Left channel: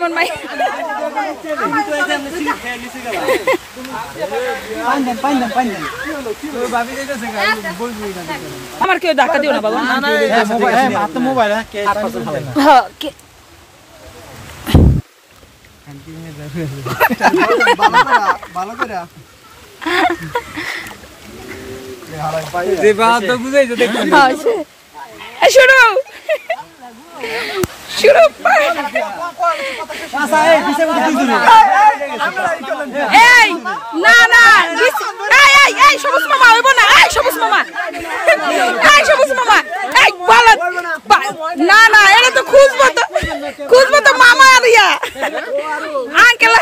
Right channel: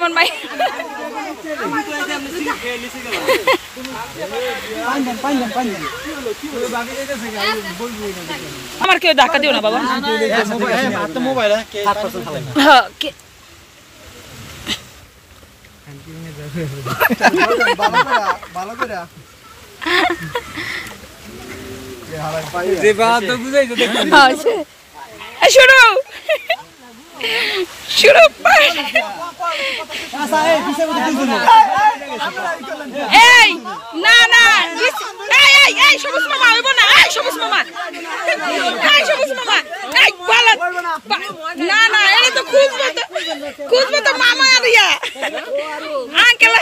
আমার মাই আমার কেউ ধাক্কা দিও না বাবা শুরু শুরু এই না না এই সবুজ মামা হইব না সবুজ মামা সবুজ মামা এই বলেন না না এটা তো খুঁজবো তো মামা আরিয়া আঙ্কেল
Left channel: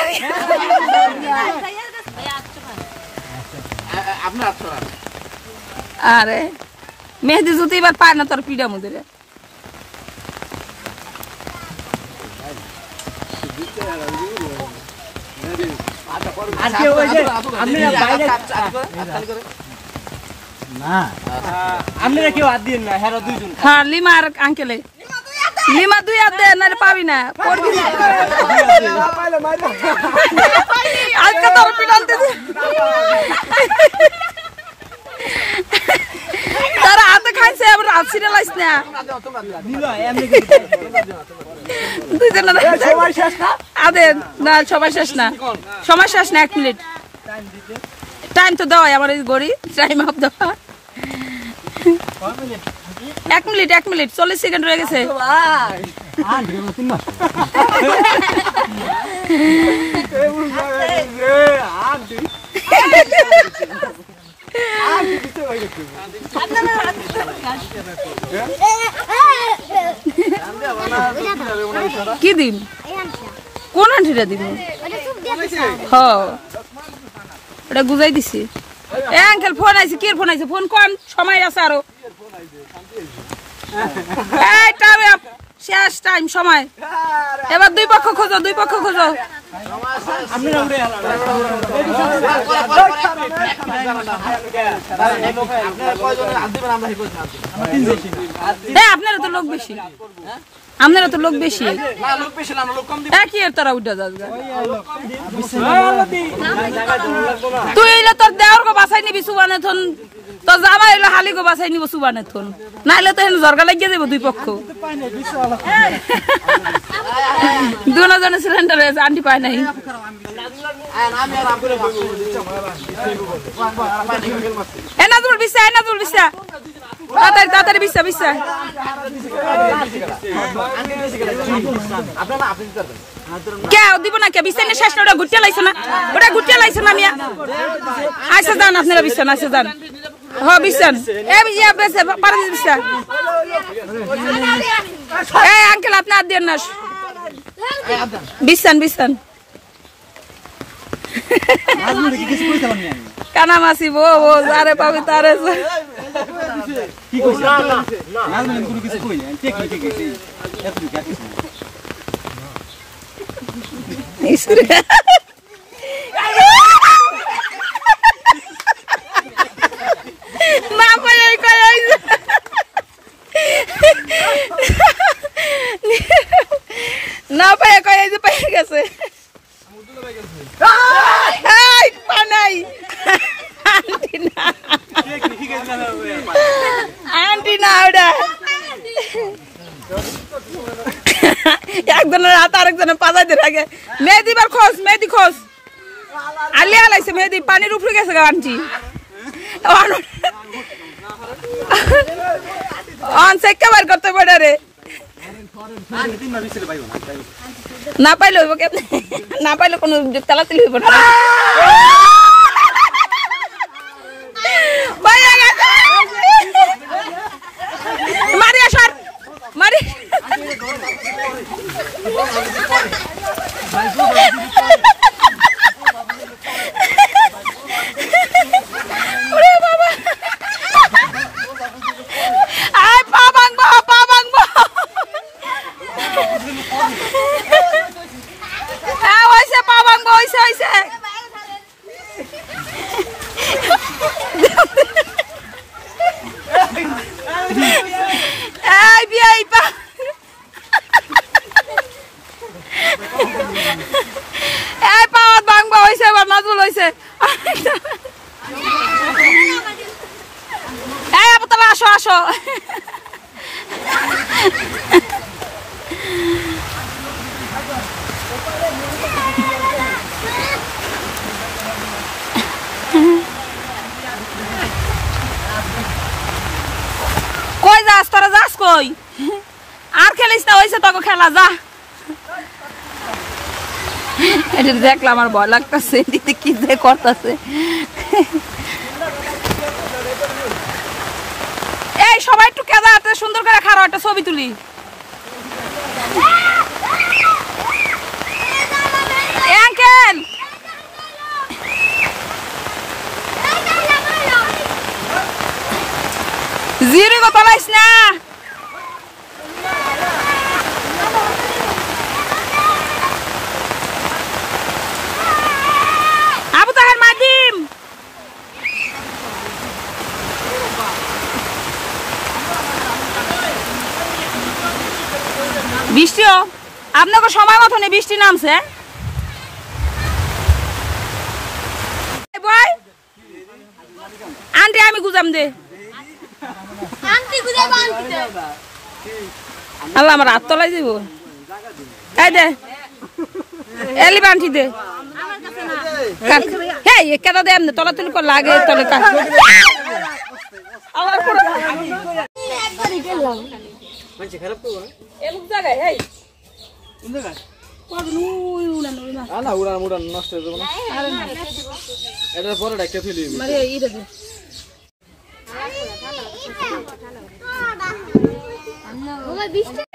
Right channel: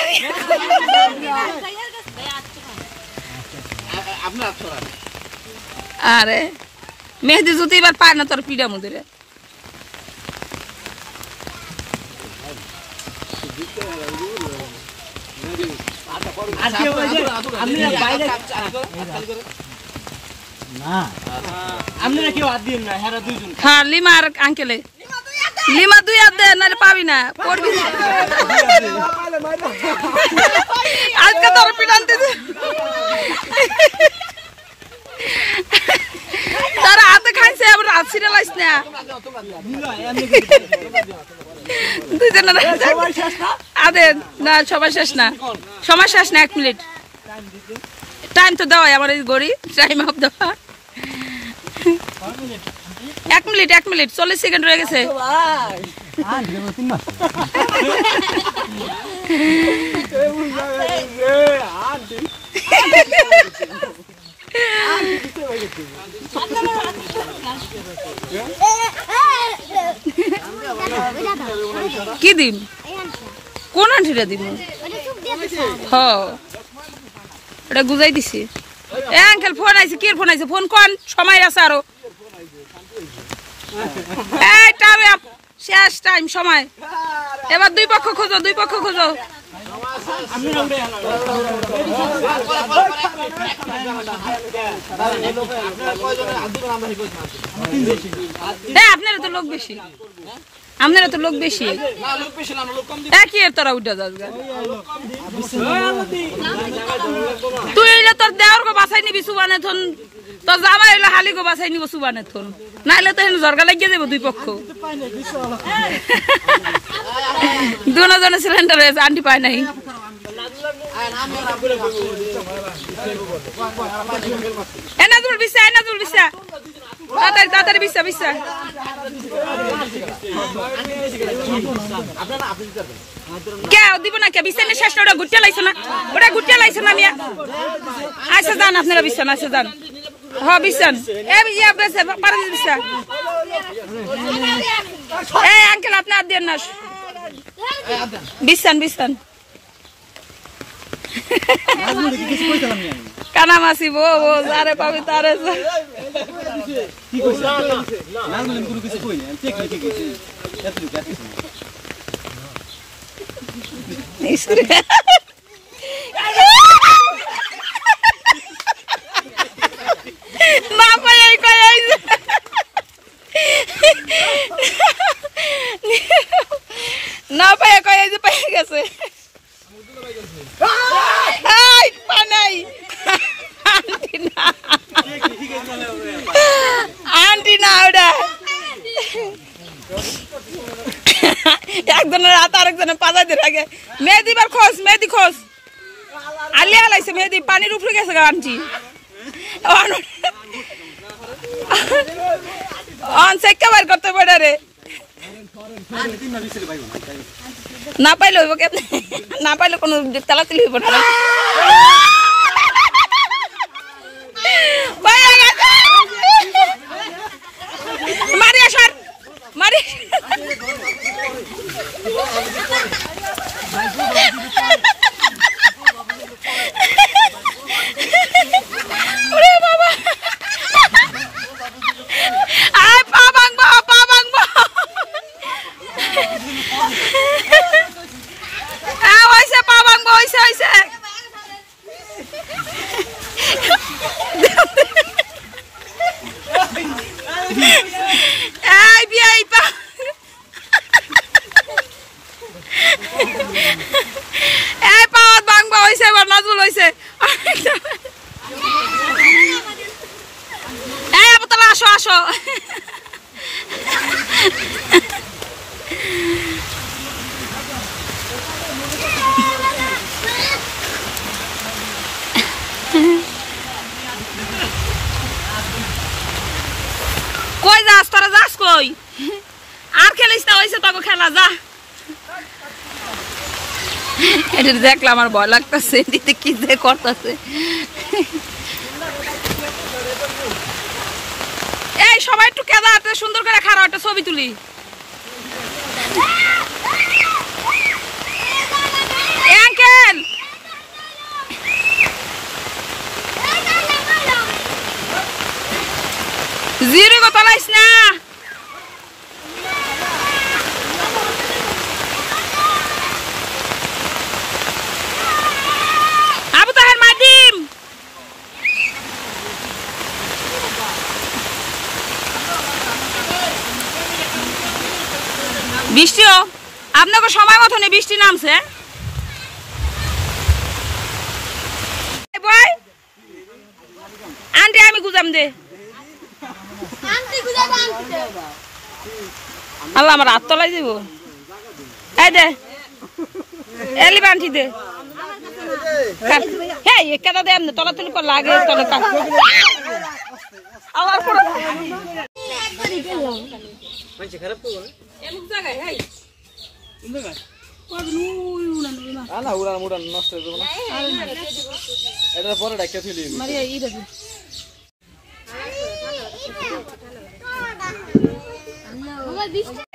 আরে মেহেদি জুতি এবার পায় না তোর পিড়া মুদিরে হ্যাঁ লিমা আর আঙ্কেলে লিমা 2 হাত দে নাহলে পাবি না পড়বি আজকে তোর পিড়ানতে তারা হাতে খাইছে আবার হাত ছিঁড়ে লাইস না না সবাই শেষ না সময় শেষ না 1 মিনিট টাইম তো দেওয়া আমার এই গড়ি টাইম আপ দেওয়া 1 মিনিট 40 সেকেন্ড রয়ে গেছে কি দিম কোন আন্টিটা দিম ওটা গুজাই দিছি আঙ্কেল ফোন আইছে কি ফোন আইছে ফোন কোন সময় আছে আরো এই টাইম আপ শেষ টাইম সময় এবার 2 পক্ষ খোঁজো আপনারা তো লোক বেশি একই এর তোরা উঠে যাস তুই এলে তোর দেওয়ার গো বাসাই নিবি সুবানে থন তোর জামাই এলে হালি গো বাসাই নিব সুবানে থন না এলে তো জর্গা লাগিয়ে দেবো 2 পক্ষ 2 জনের সিলিন্ডার হয়েছে আন্টি পায় নাই নাজুল বিসা তাড়াতাড়ি বিসা কে দিব না কে বিসা শেষ ওটা গুটিয়ে লাইছে না মিয়া আচ্ছা যান আপনারা বিসান আচ্ছা যান হ্যাঁ বিসান আঙ্কেল আপনি আর দেন না বিসান কানা মাসি বো যারে পাবি তারে কি কইছ না কোনো কিছু কই ঠিক না কই না পায় কই যে পায় গেছে আন্টি না ওটা একজনের হাত আরেকজনের পাজা দিয়ে থাকে মেহেদি বার মেহেদি খোঁজ আলিয়া লাইছে মেহেদি পানির উপরে গেছে আন্টি বার করতে পারে রে না পাইলে হইব কেন না পাইলে কোনো তালাতালি হইব না মারি আসার মারি বাবা পা ভাঙবো হয়েছে পা ভাঙবো হয়েছে এই বিয়ে এই পাওয়াত ভাঙবা হইছে এবার নাজমুল হইছে এই আপু তাহলে আসো আসো কই যাস তোরা যাস কই আর খেলিস না হইছে তোকে খেলা যা এটা দেখলাম আমার ভয় লাগতেছে দিতে কি যে করতেছে এই সবাই একটু কেদা সুন্দর করে খারাপ একটা ছবি তুলি আঙ্কেল জিরো কত লাইস না আবু তাহের মাদিম বৃষ্টিও আপনাকে সময় মতো নেই বৃষ্টি নামছে আন্টি আমি গুজাম দে আল্লাহ আমার হাত তলাই দিব এই দে এলি বান্টি দে হ্যাঁ কেদা দে এমনি তলা তুলি লাগে তলে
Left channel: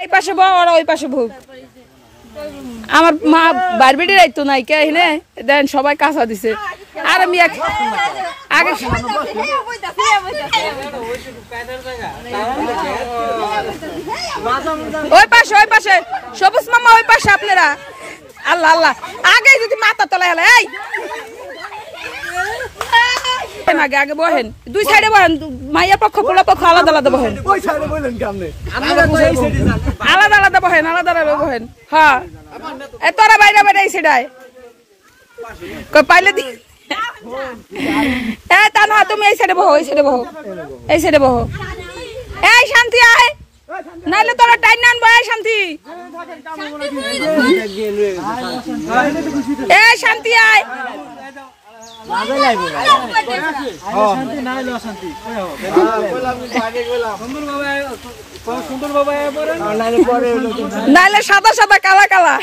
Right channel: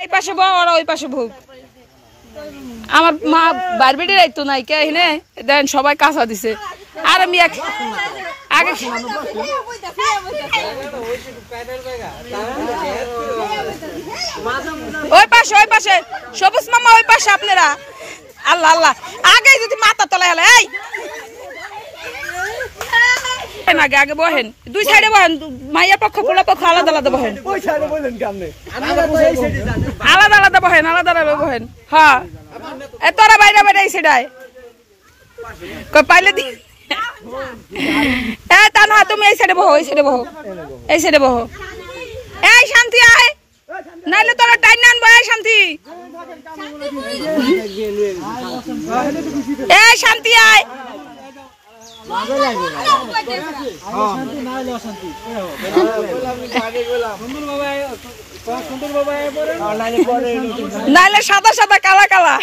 এই পাশে বউ ওরা ওই পাশে বউ আমার মা বারবেটি রাইতো নাই কে হলে দেন সবাই কাঁচা দিছে আর আমি আগে ওই পাশে সবুজ মামা ওই পাশে আপনারা আল্লাহ আল্লাহ আগে যদি মাথা তলায় হলে এই আগে আগে বহেন দুই সাইডে বহেন মাইয়ার পক্ষ পোলা পক্ষ আলাদা আলাদা বহেন আলাদা আলাদা বহেন আলাদা আলাদা বহেন হ্যাঁ তোরা বাইরে বাইরে এই সেটাই পাইলে দি তা না তুমি এই সাইডে বহো এই সাইডে বহো এই সাইডে বহো এই শান্তি আয় নাইলে তোরা টাইম না আনবো এই শান্তি এই শান্তি আয় নাইলে সাদা সাদা কালা কালা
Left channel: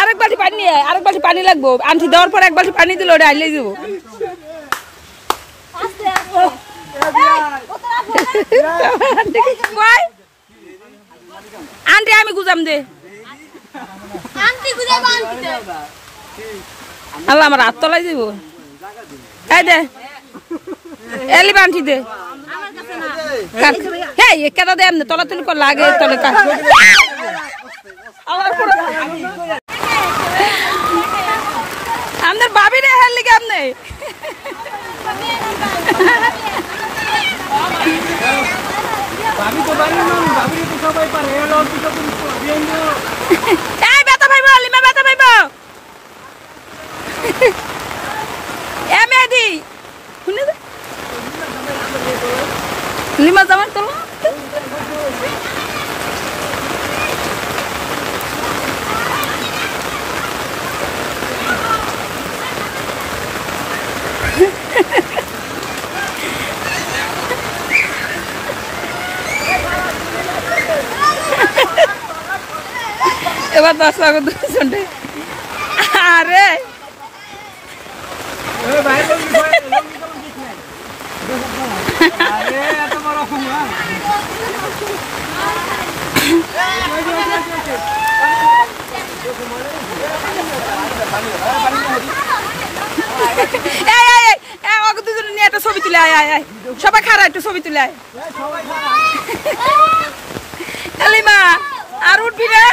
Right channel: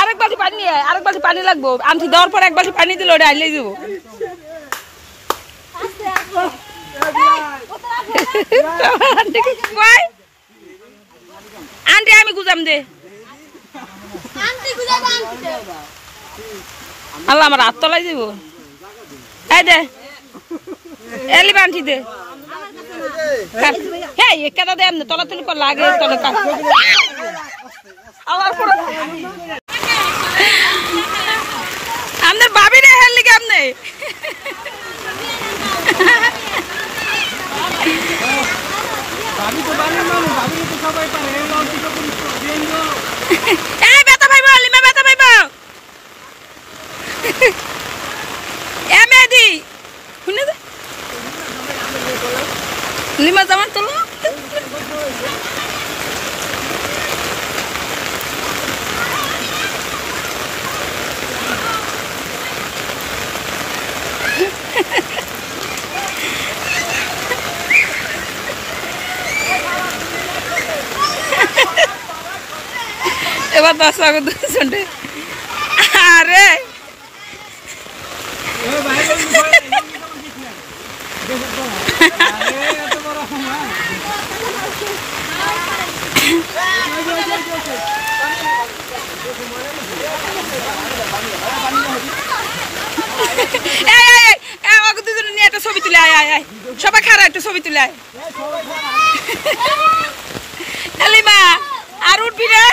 আরেক বাটি পানি আরেক বাটি পানি লাগবো আনটি দেওয়ার পর এক বাটি পানি দিলে ওটা আইলে যাবো আন্টি আমি গুজাম দে আল্লাহ আমার হাত তলাই দিব এই দে এলি বান্টি দে হ্যাঁ কেদা দে এমনি তলা তুলি লাগে তলে আপনার বাবি রে হেললি কেমনে ব্যথা পাইব লিমা ব্যথা পাইব এ মেদি শুনে দে লিমা জামান তোলো এবার 10 আগে 2 ঘন্টা আরে এত বড় হুমা ছবি তুলে আয় সবাই খারা একটু ছবি তুলে আয় লিমা আর উঠবি রে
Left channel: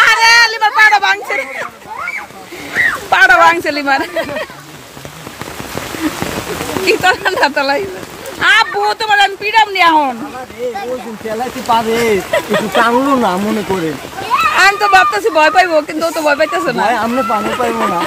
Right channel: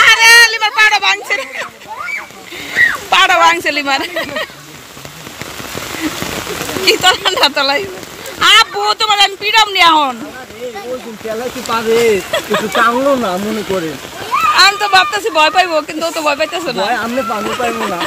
আরে লিমার পাড়া ভাঙছে লিমার কি তো ঠান্ডা তো লাগবে আব্বু তোমার আমি পিড়াম নি এখন আমি তো ভাবতেছি ভয় পাইবো, কিন্তু ও তো ভয় পাইতেছে না। আমরা পাবো না।